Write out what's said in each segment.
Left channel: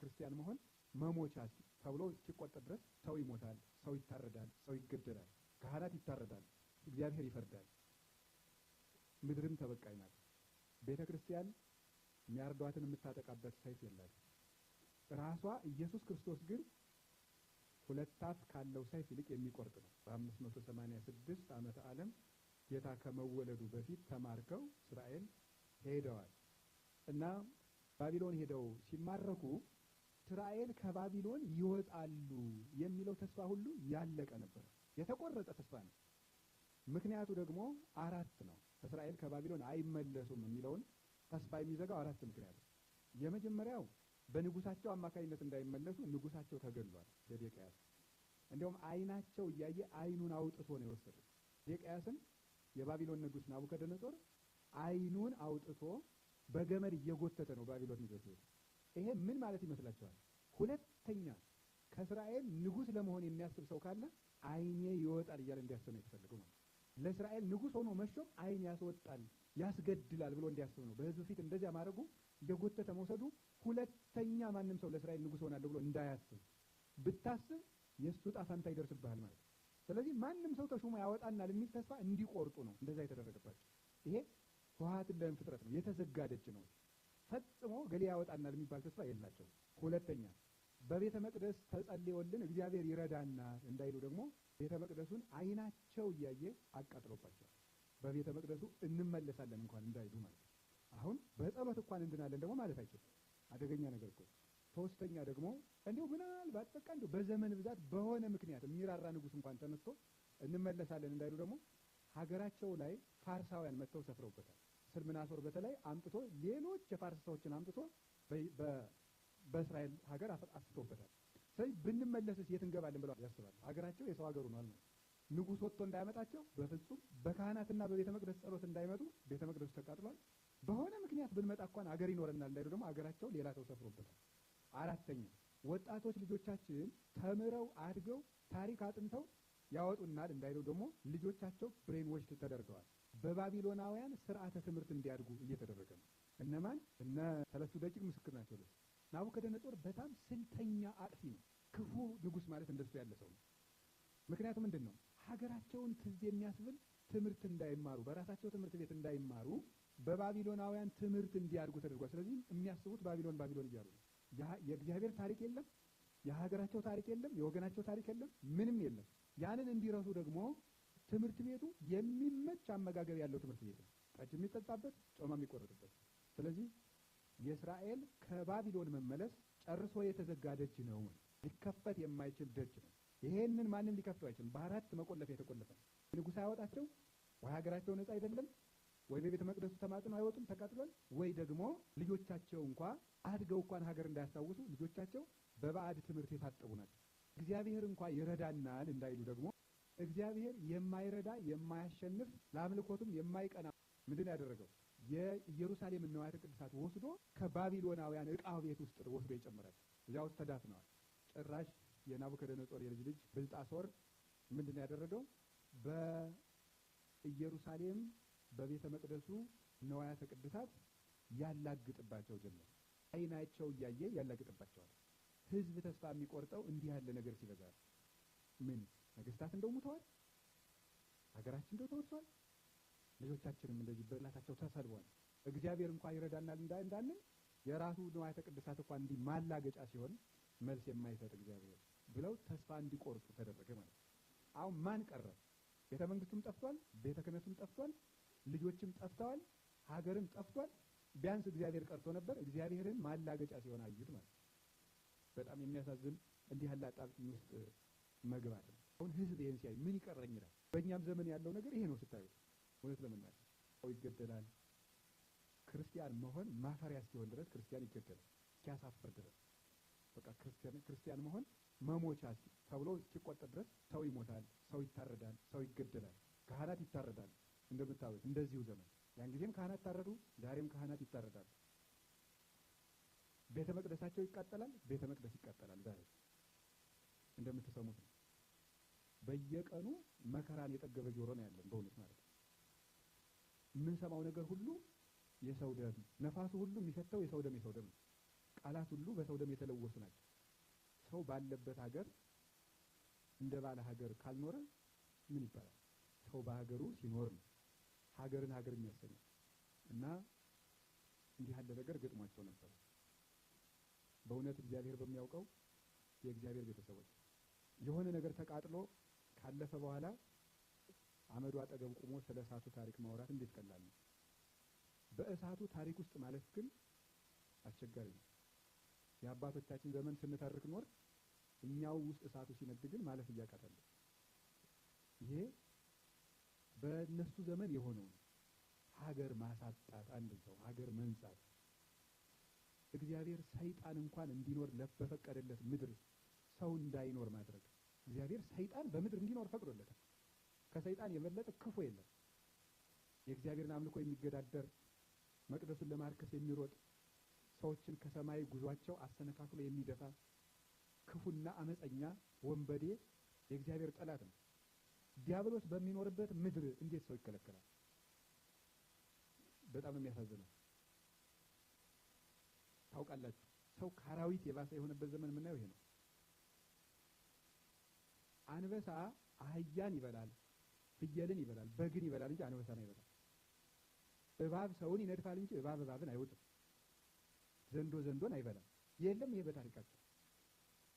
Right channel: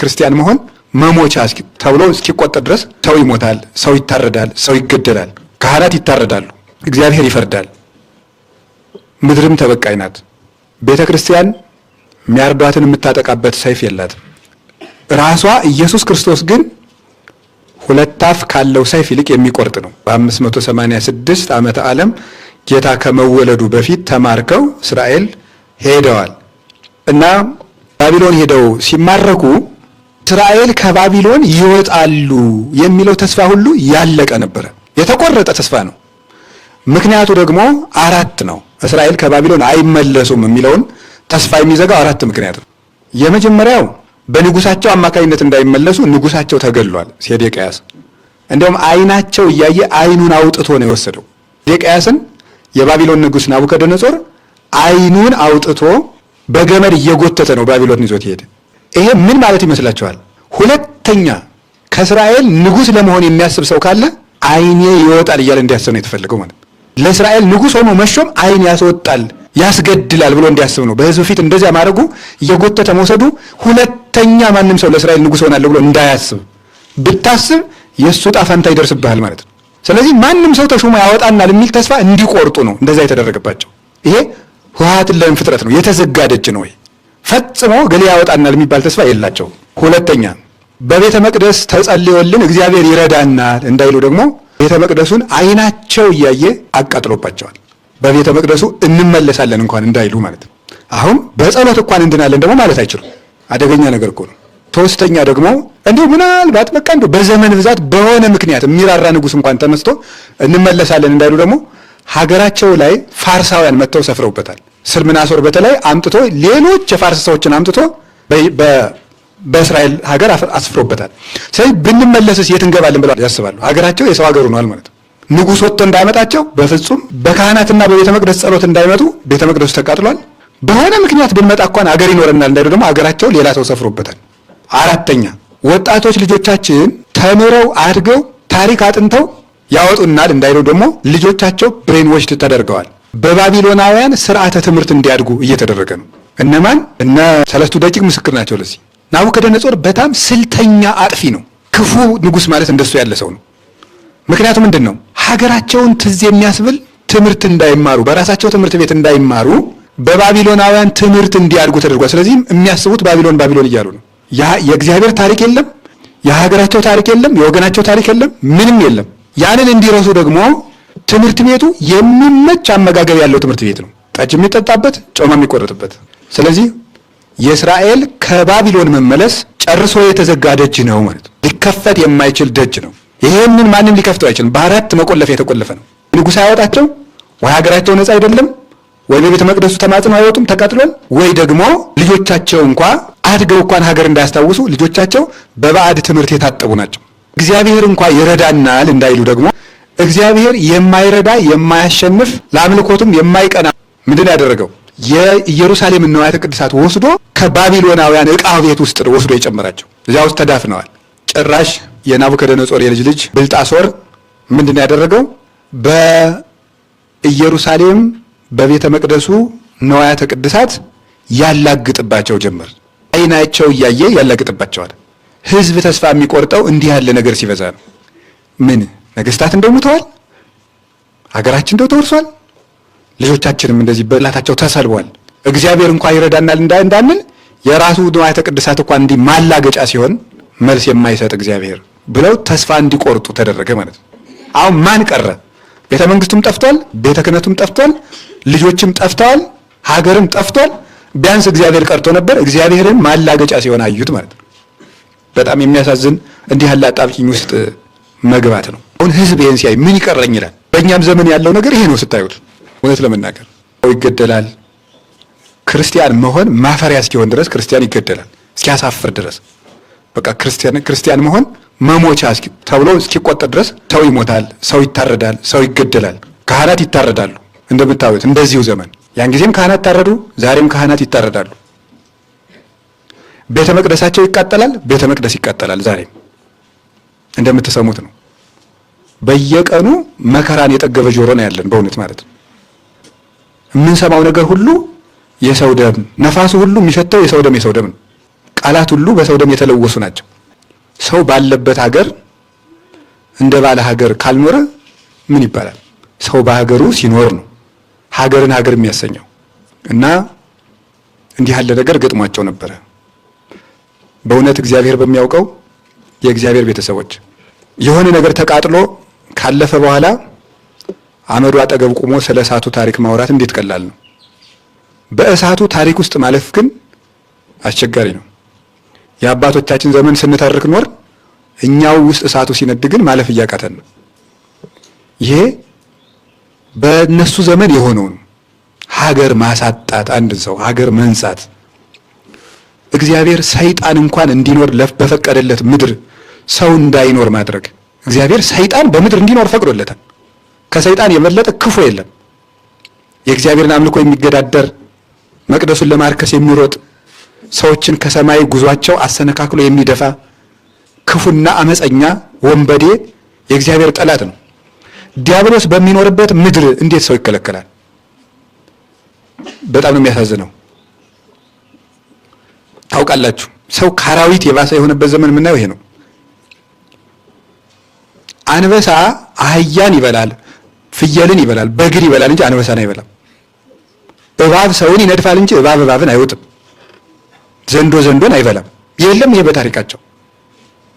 ክርስቲያን መሆን መሞቻ ተብሎ እስኪቆጠር ድረስ ሰው ይሞታል፣ ሰው ይታረዳል፣ ሰው ይገደላል፣ ካህናት ይታረዳሉ፣ እግዚአብሔር ይፈርዳል፣ ምድርም ተበቃይ ናት። ቤተ ክርስቲያን የሚያርዷትን የምታጠቃበት ሰይፍ የላትም። ራሷ ኢየሱስ ክርስቶስ ግን ሁለት አፍ ካለው ሰይፍ ይልቅ የሚቆርጥ ነው። በ586 ዓመተ ዓለም ጌታ ከመወለዱ በፊት ተማርከው እስራኤል ሄደዋል እና ባቢሎን ሄደው ሲማረኩ እስራኤል ከባቢሎን ይወጣሉ የሚለው ተስፋ ሁሉ ያለቀ ነበረ። የተቆረጠ ተስፋ ነው። ምክንያቱ ደግሞ አራት ነው። እስራኤል ከባቢሎን አይመለሱም የሚለውን ተስፋ የሚዘጋው አራት ምክንያት ነው። የመጀመሪያው በንጉሳቸው አማካኝነት እንዳይመለሱ ንጉሳቸው ተገድሏል። ሴዴቅያስ እንደውም ዓይናቸው እያየ ዓይኑን አውጥቶ ነው የወሰደው። ሴዴቅያስን የባቢሎን ንጉሥ ናቡከደነጾር ዓይኑን አውጥቶ በገመድ እየጎተተ ነው ባቢሎን ይዞት ሄደ። ይሄ ምን ማለት ይመስላችኋል? ሁለተኛ ከእስራኤል ንጉሥ ለመሆን የሚያስብ ሰው ካለ ዓይኔ ይወጣል እያለ እንዲያስብ ነው የተፈለገው ማለት ነው። ለእስራኤል ንጉሥ ሆኖ መሾም ዓይን ያስወጣል ያስገድላል ብሎ እንዲያስብ ነው። በሕዝብ ፊት እንደዚያ ማድረጉ እየጎተተ መውሰዱ ሁለተኛ ማንም ሰው ለእስራኤል ንጉሥ ሆናለሁ ብሎ እንዳያስብ፣ ብታስብ የእሱ ዕጣ ፈንታ ይደርስብሃል ማለት ነው። ስለዚህ ማንም ሰው ተሾሞ ያወጣናል የሚል ተስፋ እንዲቆርጡ ነው እንደዛ የተደረገባቸው። ይሄ ህወሓትን ለምን ፍጥረት ነው የተዘጋ ደጅ ነው። ፈጽሞ ገሌ ያወጣናል የሚባል ተስፋ የላቸው። ሁለተኛ በቤተ መቅደስ ተጸልዮልን እግዚአብሔር ይረዳናል እንዳይሉ ደግሞ ቤተ መቅደሱን ዓይናቸው እያየ አቃጥሎባቸዋል። በቤተ መቅደሱ እንመለሳለን እንኳን እንዳይሉ ማለት ነው። አሁን በጸሎት እንኳን እንድናለን ደግሞ ማለት አይችሉም። አደገኛ ነገር እኮ ነው። ሶስተኛ ደግሞ እንዲሁ ምናልባት በቃ እንዲሁ በዘመን ብዛት በሆነ ምክንያት የሚራራ ንጉሥ እንኳን ተነስቶ እንመለሳለን እንዳይሉ ደግሞ ሀገራቸው ላይ ፋርሳውያን መጥተው ሰፍረውበታል። ስልምናሶር በተለይ አምጥቶ ሌሎች የፋርስ ሰዎችን አምጥቶ በእስራኤል ሀገር አስፍሮበታል። ስለዚህ ብንመለስስ የት እንገባለን ብለው ያስባሉ። ሀገራቸው የሰው ሀገር ሆኗል ማለት ነው። ንጉሥ ወጥቶ እንዳያመጣቸው በፍጹም በካህናትና በቤተ መቅደስ ጸሎት እንዳይመጡ ቤተ መቅደሱ ተቃጥሏል። በሆነ ምክንያት ብንመጣ እንኳን አገር ይኖረናል እንዳይሉ ደግሞ አገራቸው ሌላ ሰው ሰፍሮበታል። አራተኛ ወጣቶች ልጆቻችን ተምረው አድገው ታሪክ አጥንተው ያወጡናል እንዳይሉ ደግሞ ልጆቻቸው ብሬን ዎሽድ ተደርገዋል። በባቢሎናውያን ስርዓተ ትምህርት እንዲያድጉ እየተደረገ ነው። እነማን? እነ ሰለስቱ ደቂቅ ምስክር ናቸው ለዚህ። ናቡከደነጾር በጣም ስልተኛ አጥፊ ነው። ክፉ ንጉሥ ማለት እንደሱ ያለ ሰው ነው። ምክንያቱም ምንድን ነው? ሀገራቸውን ትዝ የሚያስብል ትምህርት እንዳይማሩ፣ በራሳቸው ትምህርት ቤት እንዳይማሩ በባቢሎናውያን ትምህርት እንዲያድጉ ተደርጓል። ስለዚህም የሚያስቡት ባቢሎን ባቢሎን እያሉ ነው። የእግዚአብሔር ታሪክ የለም፣ የሀገራቸው ታሪክ የለም፣ የወገናቸው ታሪክ የለም፣ ምንም የለም። ያንን እንዲረሱ ደግሞ ትምህርት ቤቱ የሚመች አመጋገብ ያለው ትምህርት ቤት ነው። ጠጅ የሚጠጣበት፣ ጮማ የሚቆረጥበት። ስለዚህ የእስራኤል ከባቢሎን መመለስ ጨርሶ የተዘጋ ደጅ ነው ማለት ነው። ሊከፈት የማይችል ደጅ ነው። ይሄንን ማንም ሊከፍተው አይችልም። በአራት መቆለፍ የተቆለፈ ነው። ንጉሥ አያወጣቸው፣ ወይ ሀገራቸው ነፃ አይደለም፣ ወይ በቤተ መቅደሱ ተማጽነው አይወጡም ተቃጥሏል፣ ወይ ደግሞ ልጆቻቸው እንኳ አድገው እንኳን ሀገር እንዳያስታውሱ ልጆቻቸው በባዕድ ትምህርት የታጠቡ ናቸው። እግዚአብሔር እንኳ ይረዳናል እንዳይሉ ደግሞ እግዚአብሔር የማይረዳ የማያሸንፍ ለአምልኮቱም የማይቀና ምንድን ያደረገው የኢየሩሳሌምን ንዋያተ ቅድሳት ወስዶ ከባቢሎናውያን ዕቃ ቤት ውስጥ ወስዶ የጨመራቸው እዚያ ውስጥ ተዳፍነዋል። ጭራሽ የናቡከደነጾር የልጅ ልጅ ብልጣሶር ምንድን ያደረገው በኢየሩሳሌም በቤተ መቅደሱ ንዋያተ ቅድሳት ያላግጥባቸው ጀመር። ዓይናቸው እያየ ያላግጥባቸዋል። ሕዝብ ተስፋ የሚቆርጠው እንዲህ ያለ ነገር ሲበዛ ነው። ምን ነገስታት እንደው ሙተዋል፣ ሀገራችን እንደው ተወርሷል፣ ልጆቻችንም እንደዚህ በላታቸው ተሰልቧል። እግዚአብሔር እንኳን ይረዳናል እንዳንል የራሱ ንዋያተ ቅድሳት እንኳን እንዲህ ማላገጫ ሲሆን መልስ የማይሰጥ እግዚአብሔር ብለው ተስፋ እንዲቆርጡ ተደረገ ማለት ነው። አሁን ማን ቀረ? ቤተ መንግስቱም ጠፍቷል፣ ቤተ ክህነቱም ጠፍቷል፣ ልጆችም ጠፍተዋል፣ ሀገርም ጠፍቷል። ቢያንስ እግዚአብሔር ቀርቶ ነበር። እግዚአብሔርን ማላገጫ ሲሆን አዩት ማለት ነው። በጣም የሚያሳዝን እንዲህ ያለ አጣብቂኝ ውስጥ መግባት ነው። አሁን ህዝብ ይህን ሲያይ ምን ይቀረኝ ይላል። በእኛም ዘመን ያለው ነገር ይሄ ነው ስታዩት። እውነት ለመናገር ይገደላል። ክርስቲያን መሆን ማፈሪያ እስኪሆን ድረስ ክርስቲያን ይገደላል፣ እስኪያሳፍር ድረስ። በቃ ክርስቲያን መሆን መሞቻ ተብሎ እስኪቆጠር ድረስ ሰው ይሞታል፣ ሰው ይታረዳል፣ ሰው ይገደላል፣ ካህናት ይታረዳሉ። እንደምታዩት እንደዚሁ ዘመን ያን ጊዜም ካህናት ታረዱ፣ ዛሬም ካህናት ይታረዳሉ። ቤተ መቅደሳቸው ይቃጠላል፣ ቤተ መቅደስ ይቃጠላል። ዛሬም እንደምትሰሙት ነው። በየቀኑ መከራን የጠገበ ጆሮ ነው ያለን በእውነት ማለት ነው። የምንሰማው ነገር ሁሉ የሰው ደም፣ ነፋሱ ሁሉ የሚሸተው የሰው ደም ነው። ቃላት ሁሉ በሰው ደም የተለወሱ ናቸው። ሰው ባለበት ሀገር እንደ ባለ ሀገር ካልኖረ ምን ይባላል? ሰው በሀገሩ ሲኖር ነው ሀገርን ሀገር የሚያሰኘው። እና እንዲህ ያለ ነገር ገጥሟቸው ነበረ። በእውነት እግዚአብሔር በሚያውቀው የእግዚአብሔር ቤተሰቦች የሆነ ነገር ተቃጥሎ ካለፈ በኋላ አመዱ አጠገብ ቆሞ ስለ እሳቱ ታሪክ ማውራት እንዴት ቀላል ነው። በእሳቱ ታሪክ ውስጥ ማለፍ ግን አስቸጋሪ ነው። የአባቶቻችን ዘመን ስንተርክ ኖር፣ እኛው ውስጥ እሳቱ ሲነድ ግን ማለፍ እያቃተን ነው። ይሄ በእነሱ ዘመን የሆነውን ሀገር ማሳጣት፣ አንድ ሰው ሀገር መንሳት፣ እግዚአብሔር ሰይጣን እንኳን እንዲኖር በፈቀደለት ምድር ሰው እንዳይኖር ማድረግ። እግዚአብሔር ሰይጣን በምድር እንዲኖር ፈቅዶለታል። ከሰይጣን የበለጠ ክፉ የለም። የእግዚአብሔርን አምልኮ የሚገዳደር መቅደሱን ለማርከስ የሚሮጥ ሰዎችን ከሰማይ ጉዟቸው አሰነካክሎ የሚደፋ ክፉና አመፀኛ ወንበዴ የእግዚአብሔር ጠላት ነው። ዲያብሎስ በሚኖርበት ምድር እንዴት ሰው ይከለከላል? በጣም ነው የሚያሳዝነው። ታውቃላችሁ፣ ሰው ከአራዊት የባሰ የሆነበት ዘመን የምናየው ይሄ ነው። አንበሳ አህያን ይበላል፣ ፍየልን ይበላል፣ በግን ይበላል እንጂ አንበሳን አይበላም። እባብ ሰውን ይነድፋል እንጂ እባብ እባብን አይወጥም። ዘንዶ ዘንዶን አይበላም። የለም ይሄ በታሪካቸው።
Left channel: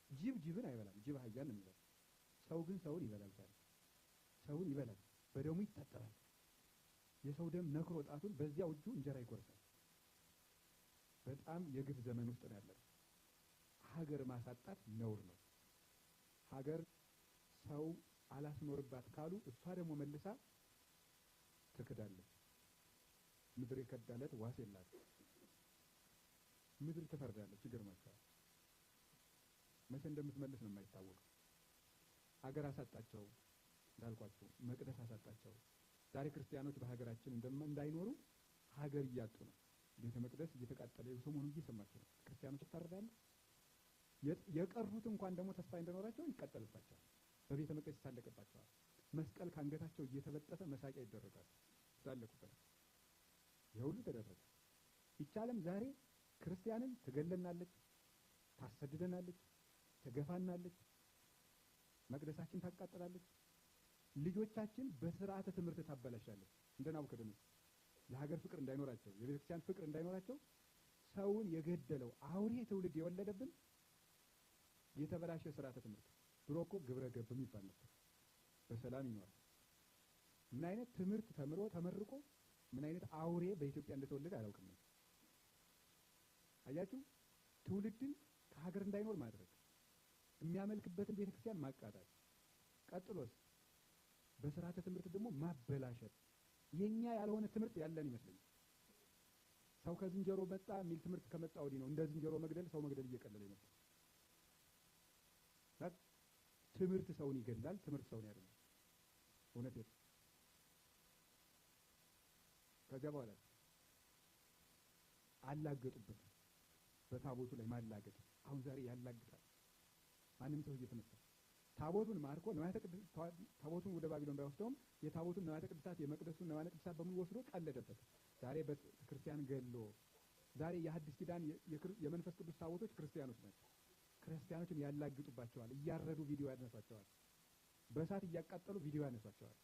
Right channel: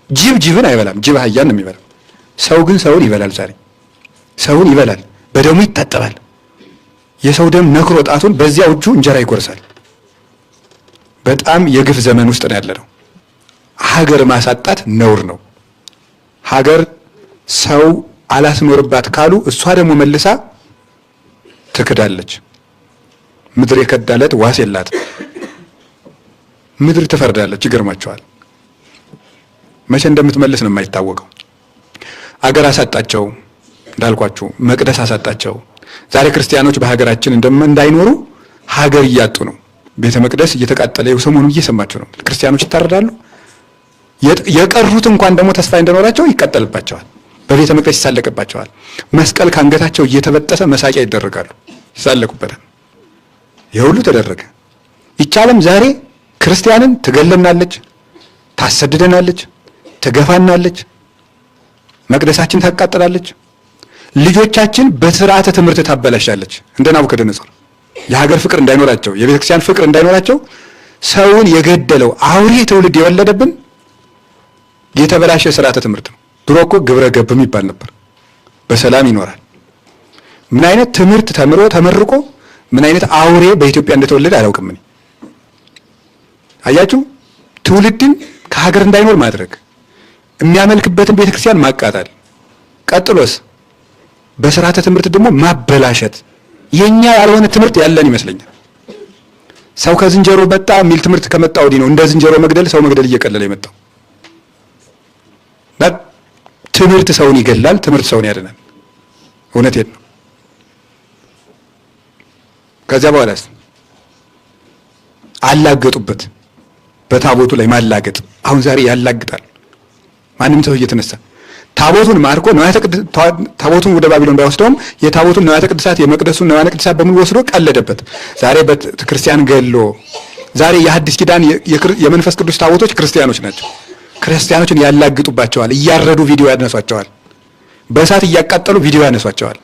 ጅብ ጅብን አይበላም፣ ጅብ አህያን ነው የሚበላው። ሰው ግን ሰውን ይበላል። ዛሬ ሰውን ይበላል፣ በደሙ ይታጠባል። የሰው ደም ነክሮ ጣቱን በዚያ እጁ እንጀራ ይጎርሳል። በጣም የግፍ ዘመን ውስጥ ነው ያለነው። ሀገር ማሳጣት ነውር ነው። ሀገር ሰው አላስኖርባት ካሉ እሷ ደግሞ መልሳ ትክዳለች። ምድር የከዳለት ዋስ የላት። ምድር ትፈርዳለች። ይገርማቸዋል። መቼ እንደምትመልስ ነው የማይታወቀው። አገር አሳጣቸው እንዳልኳችሁ፣ መቅደስ አሳጣቸው። ዛሬ ክርስቲያኖች በሀገራችን እንዳይኖሩ ሀገር እያጡ ነው። ቤተ መቅደስ እየተቃጠለ ሰሞኑን እየሰማችሁ ነው። ክርስቲያኖች ይታረዳሉ። የቀሩት እንኳን ደግሞ ተስፋ እንደኖራቸው ይቀጠልባቸዋል። በቤተ መቅደስ ይሳለቅባቸዋል። መስቀል ከአንገታቸው እየተበጠሰ መሳቂያ ይደረጋሉ፣ ይሳለቁበታል። ይህ ሁሉ ተደረገ። ይህች ዓለም ዛሬ ክርስቲያንን ትገለናለች፣ ታሰድደናለች፣ ትገፋናለች፣ መቅደሳችን ታቃጥላለች፣ ልጆቻችን በስርዓተ ትምህርት ታበላሻለች። እንደ ናቡከደነጾር የሀገር ፍቅር እንዳይኖራቸው፣ የቤተ ክርስቲያን ፍቅር እንዳይኖራቸው ሰውን የገደለው አውሬ ትውልድ የወለደብን የተበላሸ ስርዓተ ትምህርት ነው። ድሮ እኮ ግብረ ገብም ይባል ነበር። በሰላም ይኖራል። ምን አይነት ትምህርት ተመርቆ ምን አይነት አውሬ በኢትዮጵያ እንደተወለደ አላውቅም። እኔ አያችሁ፣ ትውልድን ከሀገር እንዳይኖር ማድረግ፣ የሚያመልክበትን ቤተክርስቲያን ማቃጠል፣ ቀጥሎስ በስርዓተ ትምህርት ደግሞ ማበላሸት። የኛ ያልሆነ ትምህርት ያለን ይመስለኛል። ሰው ከዝንጀሮ መጣ የሚል ትምህርት ከመጣ ወዲህ ነው እንደ ዝንጀሮ መግደል፣ ሰው መግደል እየቀለለ የመጣው። ትምህርት ሰውን ይገላል፣ ትምህርት ሰውን ያድናል። እውነቴን ነው። ከዚያ በኋላስ አላገጡበት። በታቦቱ ላይ ማላገጥ አሁን ዛሬ ያላግጣል። ማንም ሰው እየተነሳ ታቦቱን ማርኮ ታቦቱን ወደ ባቢሎን ባይወስደውም የታቦቱን ንዋያተ ቅድሳት የመቅደሱን ንዋያተ ቅድሳት በሙሉ ወስዶ ቀለደበት። ዛሬ በክርስቲያን ገሎ ዛሬ የሐዲስ ኪዳን የመንፈስ ቅዱስ ታቦቶች ክርስቲያኖች ናቸው። ክርስቲያኖችን ያላግጡባቸዋል። እያረዱ ቪዲዮ ያነሷቸዋል። በእሳት እያቃጠሉ ቪዲዮ ያነሷቸዋል።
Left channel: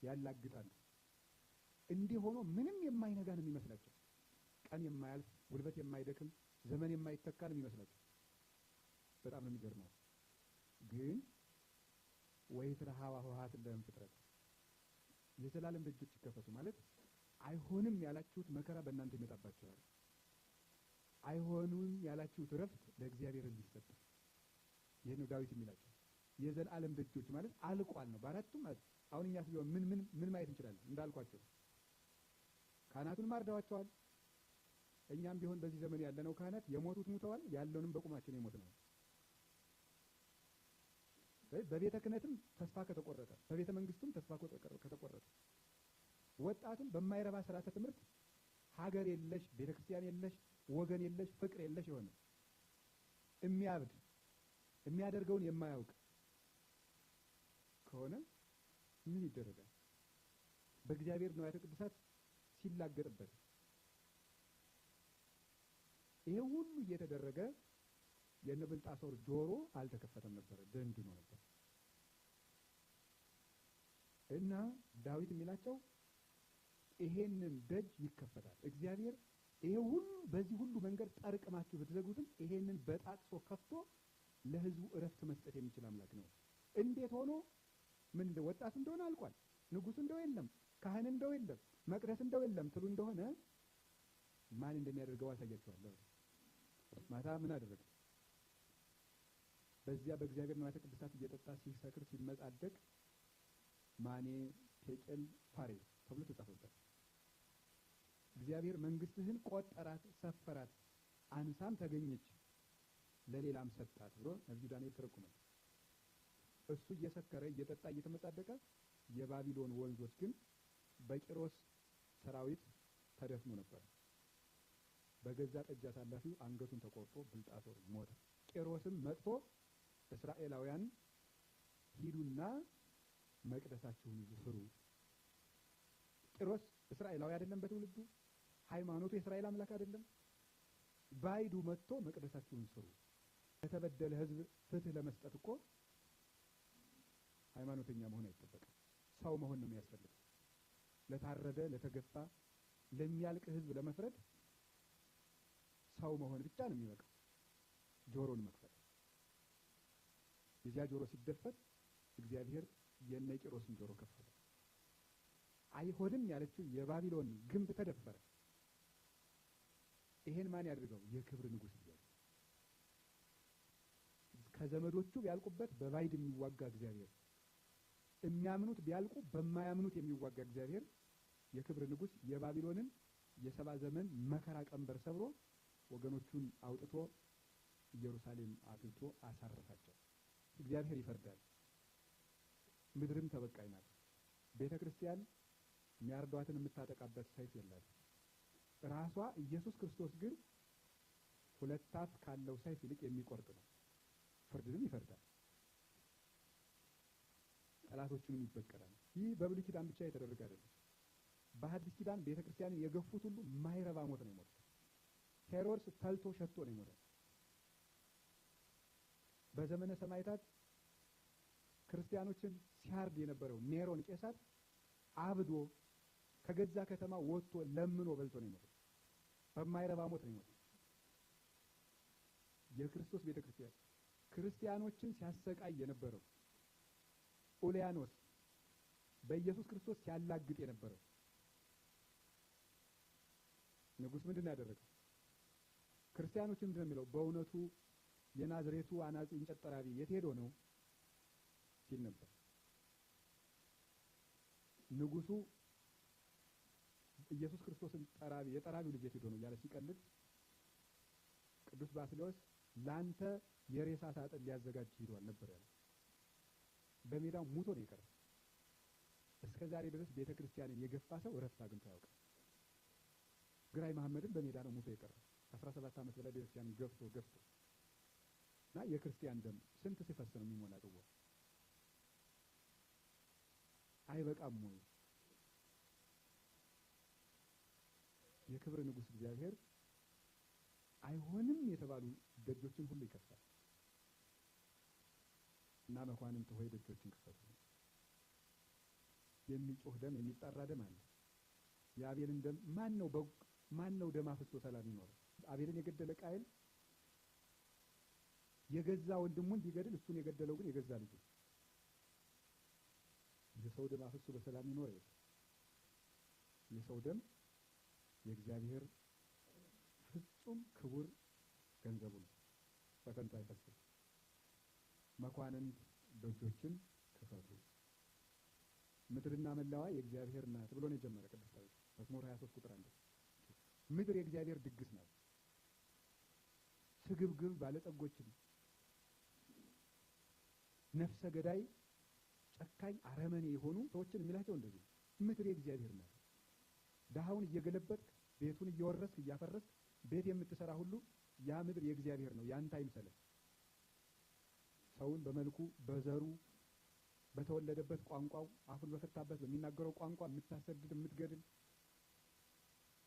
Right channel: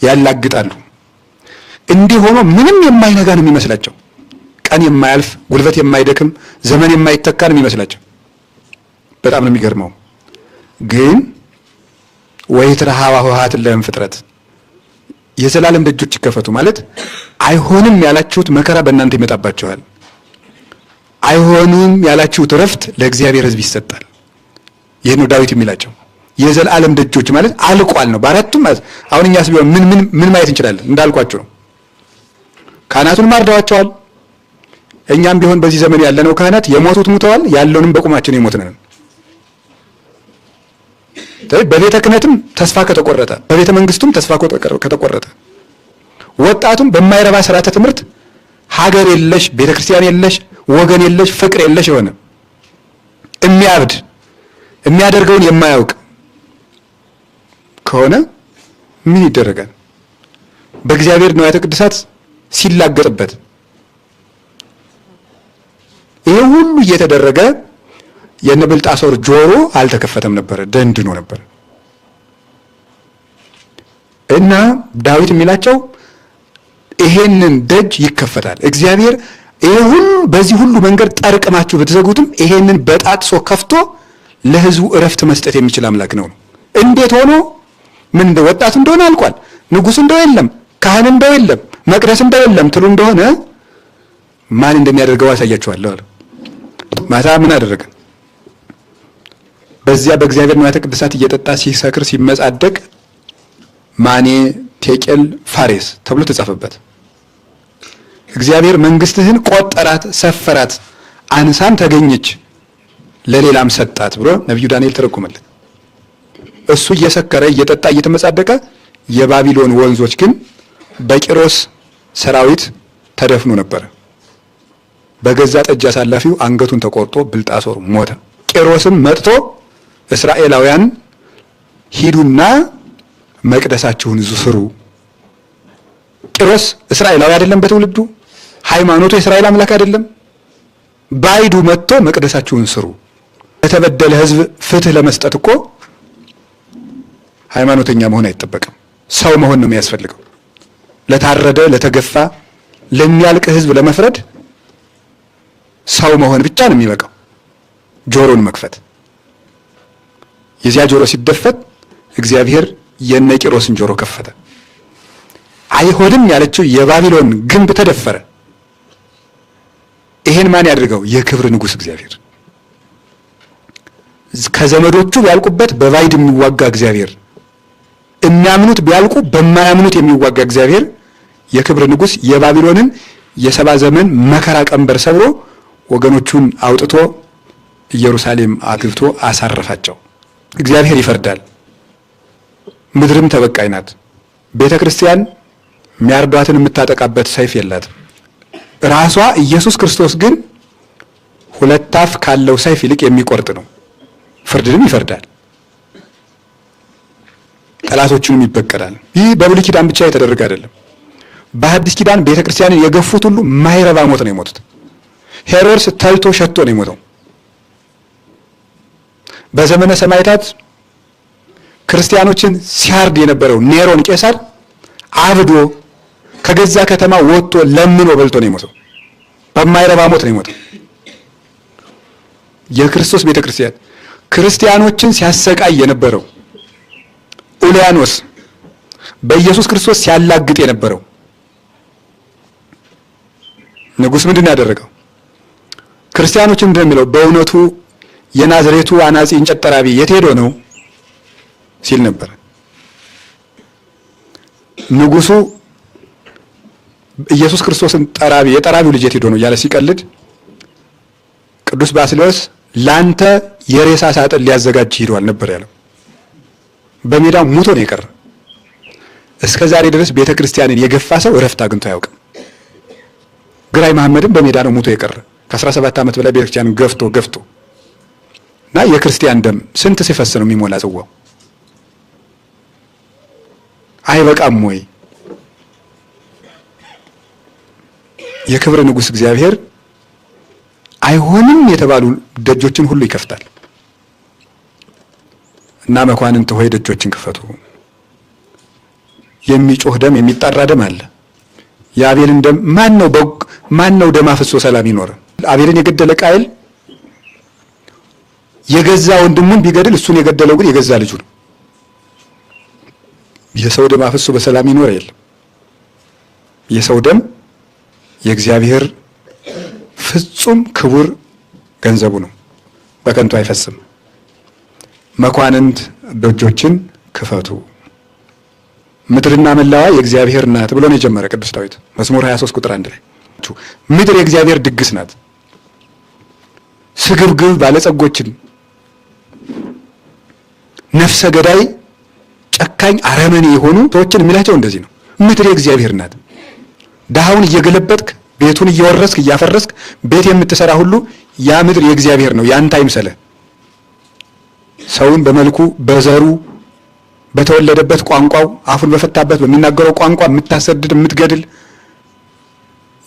ያላግጣሉ። እንዲህ ሆኖ ምንም የማይነጋ ነው የሚመስላቸው። ቀን የማያልፍ ጉልበት የማይደክም ዘመን የማይተካ ነው የሚመስላቸው። በጣም ነው የሚገርመው። ግን ወይትረሃዋ ኆኃት ለእም ፍጥረት፣ የዘላለም ደጆች ይከፈቱ ማለት አይሆንም ያላችሁት መከራ በእናንተ ይመጣባቸዋል። አይሆንም ያላችሁት እረፍት ለእግዚአብሔር ሕዝብ ይሰጣል። ይህ ነው ዳዊት የሚላቸው። የዘላለም ደጆች ማለት አልቋል ነው በአራቱም ማለት። አሁን እኛስ ቢሆን ምን ማየት እንችላለን? እንዳልኳችሁ ነው። ካህናቱን ማርደዋቸዋል። እኛም ቢሆን በዚህ ዘመን ያለነው ካህናት የሞቱት ሙተዋል፣ ያለውንም በቁማችን የሞትነን። በቤተ ክህነትም ተስፋ ከተቆረጠ፣ በቤተ መንግስቱም ተስፋ ከተቆረጠ፣ ወጣቱም በማይረባ ስርዓተ ትምህርት ሀገር የለሽ ቤተ ክርስቲያን የለሽ ወገን የለሽ ፍቅር የለሽ የሆነ የሚያብድ የሚያደርገውን የማያውቅ ከሆነ ምን ይደረጋል? በእግዚአብሔር ንዋያተ ቅድሳት ሲላገጥበት ይሄ ሁሉ እየተደረገ የነ ብልጣሶር ጆሮ አልተከፈተም ነበር፣ ደንድኖ ነበር። እና ዳዊት የሚላቸው ይሄንን ደጅ ይከፈታል እግዚአብሔር ይሄ ሁሉ በዚህ ሁሉ መንገድ ጠርቅማችሁ ብትዘጉትም ይሄንን በጣጥሶ ከፍቶ ለሕዝቡ እረፍት መስጠት የሚችል አምላክ ነው። እንዴት ሆኖ ምን እንደ ወጣት እንደሆነ አልቋል። ንጉሥ እንደው የለም፣ ካህን እንደው የለም፣ መቅደስ እንደው የለም ትሉ እንደሆነ ማን እንደሚያደርገው አሳያችኋለሁ አለ። ማታ ምን አደረገ? በዚያ በእግዚአብሔር ንዋየ ቅድሳት እየጠጣ ሲሰክር ሲመጻደቅ ማኔ ቴቄል ፋሬስ ተብሎ ተጻፈበት። እግዚአብሔር መንግስትህን ቆጠራት፣ ሰፈራት፣ አንሳም ተገኘች፣ ለሌላም ሰጣት ብሎ ነቢዩ ዳንኤል ተረጎመለት። እሱ እየሰከረ እየጠጣ እየተመጻደቀ የባቢሎን ወንዞች ግን በቂሮስ ሰራዊት ተደፍኖ ነበር። በገዛ ጠጅ አሳላፊው አንገቱን ተቆርጦ ብልጣሶር ሞተ። ቂሮስም መጥቶ እስራኤላውያን ሂዱና መቅደሳችሁን ስሩ። ቂሮስ እስራኤላዊ አይደለም፣ በትውልዱ ሃይማኖቱ የእስራኤል አምላክ አይደለም። ባይዱ መጥቶ መቅደሳችሁን ስሩ። ለተበደለ ሕዝብ ፍትህ ለመስጠት እኮ ሃይማኖተኛ መሆን አይጠበቅም፣ ሰው መሆን ነው የሚያስፈልገው። ለታረደ ለተገፋ ለሚያልቅ ሕዝብ ለመፍረድ ሰው መሆን ብቻ ነው የሚበቃው። ጆሮን መክፈት። የዚያ ጆሮ ሲደፈት እግዚአብሔር የነ ቂሮስን ጆሮ ከፈተ። አይሆንም ያለችው የባቢሎን ግንብ ተደፈረ። ይሄን ማን ያድርገው? የክብር ንጉሥ እግዚአብሔር። ከዘመዶቹ ቢያልቁበት በባይድ የሚዋጋ እግዚአብሔር፣ የሚያምኑት ቢያልቁ በማያምኑት የሚዋጋ እግዚአብሔር የክብር ንጉሥ የባቢሎንን የሰባ ዘመን መከራ ቀንበር ሰብሮ ወገኖቹን አውጥቶ ኢየሩሳሌም አግብቶ አሳረፋቸው። እግዚአብሔር ይፈርዳል። ምድርም ተበቃይ ናት። ቤተ ክርስቲያን የሚያርዷትን የምታጠቃበት ሰይፍ የላትም። ራሷ ኢየሱስ ክርስቶስ ግን ሁለት አፍ ካለው ሰይፍ ይልቅ የሚቆርጥ ነው። ፍርድንም ይፈርዳል፣ ጠላቶቹንም ይበቀላል። ይህ በብሉይ ኪዳን ብቻ የተደረገ አይደለም። በሐዲስ ኪዳን ቤተ ክርስቲያንን የገፉት ሁሉ ማይረባ ሞት ነው የሞቱት። ሄሮድስ ተልቶ ሸቶ ነው የሞተው። በዘመነ ሰማዕታት ክርስቲያኖችን ሲያርድ የነበረው ኔሮን ቄሳር አብዶ ከገዛ ከተማ ወጥቶ ለምኖ በልቶ ነው የሞተው። በማይረባ ሞት ነው የሞተው። የክርስቶስ ቤተ ክርስቲያን ክርስቲያኖችን ሲያሰቃይ የነበረው ኡልያኖስ በኢየሱስ ክርስቶስ ሲያላግጥ የነበረው ንጉሥ ምንድን ያደረገው? ክርስቲያኖችን እንደሚለው በእውነቱ የናዝሬቱ አናጺ እንጨት ጠራቢ የት ሄዶ ነው ሲል ነበር። ንጉሱ ኢየሱስ ክርስቶስን ጠራቢ የጠራቢው ልጅ የት ሄዶ ነው እያለ ሲቀልድ ቅዱስ ባስልዮስ ላንተ የሬሳ ሳጥን ሊያዘጋጅ ሄዷል ነበር ያለው። በሜዳው ሙቶ ነው የቀረ። እስከ ዛሬ ድረስ ቤተ ክርስቲያንን የገፋ ሰው እረፍት አግኝቶ አያውቅም። ግራኝ መሐመድም በሜዳ ነው ሙቶ የቀረ። ከ17 ዓመት በላይ ቤተ ክርስቲያንን ገፍቶ እና የክርስቲያን ደም ስንት ሲፈስ ነው የሚሞላ ጽዋው? አይበቃም ወይ? የክብር ንጉሥ እግዚአብሔር አይሆንም የተባሉ ደጆችን ሁሉ ይከፍታል እና መኳንንት ሆይ ደጆችን ክፈቱ። የሚጮህ ደም የሚጣራ ደም አለ። የአቤልን ደም ማን ነው ደም አፍሶ ሰላም ይኖር? አቤልን የገደለ ቃየል የገዛ ወንድሙን ቢገድል እሱን የገደለው ግን የገዛ ልጁ ነው። የሰው ደም አፍሶ በሰላም ይኖር የለም። የሰው ደም የእግዚአብሔር ፍጹም ክቡር ገንዘቡ ነው፣ በከንቱ አይፈስም። መኳንንት ደጆችን ክፈቱ፣ ምድርና መላዋ የእግዚአብሔር ናት ብሎ ነው የጀመረ ቅዱስ ዳዊት መዝሙር 23 ቁጥር 1 ላይ። ምድር የእግዚአብሔር ድግስ ናት። ስግብግብ ባለጸጎችን፣ ነፍሰ ገዳይ፣ ጨካኝ፣ አረመኔ የሆኑ ሰዎችን የሚላቸው እንደዚህ ነው። ምድር የእግዚአብሔር ናት። ድሃውን እየገለበጥክ ቤቱን እየወረስክ እያፈረስክ ቤት የምትሰራ ሁሉ ያ ምድር የእግዚአብሔር ነው፣ ያንተ አይምሰልህ። ሰውን በመልኩ በዘሩ በተወለደበት ቋንቋው አፉን በፈታበት በሚናገረው ቋንቋ የምታሰድድ የምትገድል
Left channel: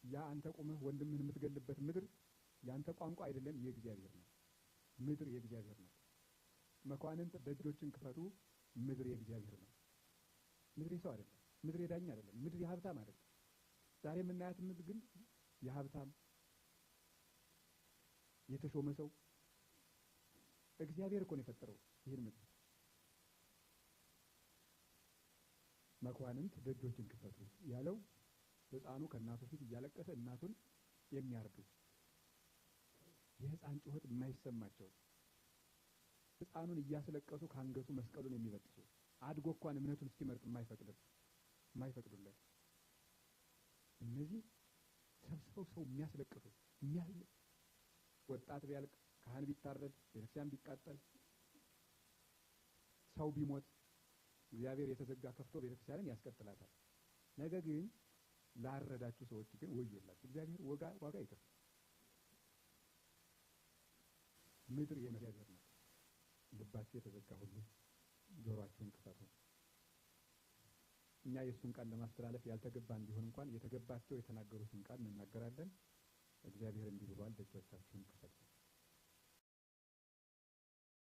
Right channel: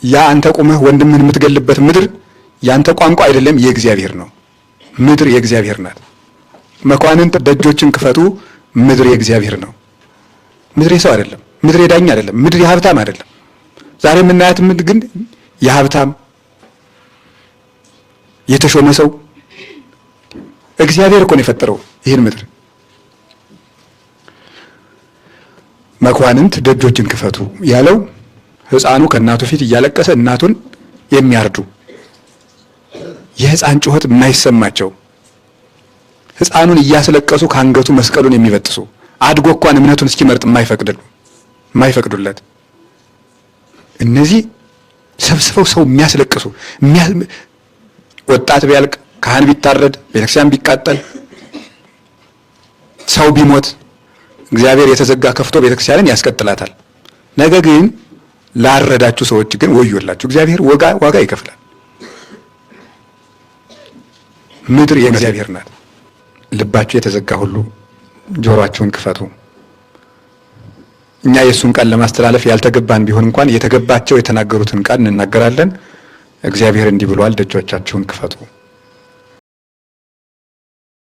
ያ አንተ ቁመህ ወንድምህን የምትገልበት ምድር ያንተ ቋንቋ አይደለም፣ የእግዚአብሔር ነው። ምድር የእግዚአብሔር ናት። መኳንንት ደጆችን ክፈቱ፣ ምድር የእግዚአብሔር ነው። ምድር የሰው አይደለም። ምድር የዳኛ አይደለም። ምድር የሀብታም አይደለም። ዛሬ የምናያት ምድር ግን የሀብታም የተሾመ ሰው እግዚአብሔር እኮ ነው የፈጠረው ይህን ምድር። መኳንንት ደጆችን ክፈቱ ያለው ሕፃኑ ከእናቱ ፊት እያለቀሰ እናቱን የሚያርዱ የሕፃን ጩኸት የማይሰማቸው ሕፃኑን እያስለቀሱ ከአንገቱ መስቀሉን የሚበጥሱ አድጎ እንኳን እምነቱን እስኪመርጥ የማይፈቅዱለት እነዚህ ሰብስበው ሰው የሚያስለቅሱ ወጣት ቢያልቅ፣ ካህን ቢታረድ፣ ቤተክርስቲያን ቢቃጠል፣ ሰው ቢሞት እግዚአብሔር የተዘጋ ከፍቶ ቤተክርስቲያንን ያስቀጥላታል። ነገ ግን ላረዳችሁ ሰዎች ግን ወዮላችሁ፣ እግዚአብሔር ዋጋ ይከፍላል። ምድር የእግዚአብሔር ናት። ልባችሁ የተዘጋ ሁሉ ጆሮአችሁን ክፈቱ። እኛ የእሱን ቃል ለማስተላለፍ ያልተገባን ቢሆን እንኳን የተገባቸው የተናገሩትን ቃል እንናገራለን። እግዚአብሔር እንዲህ ብሏል፣ ደጆቻችሁን ክፈቱ።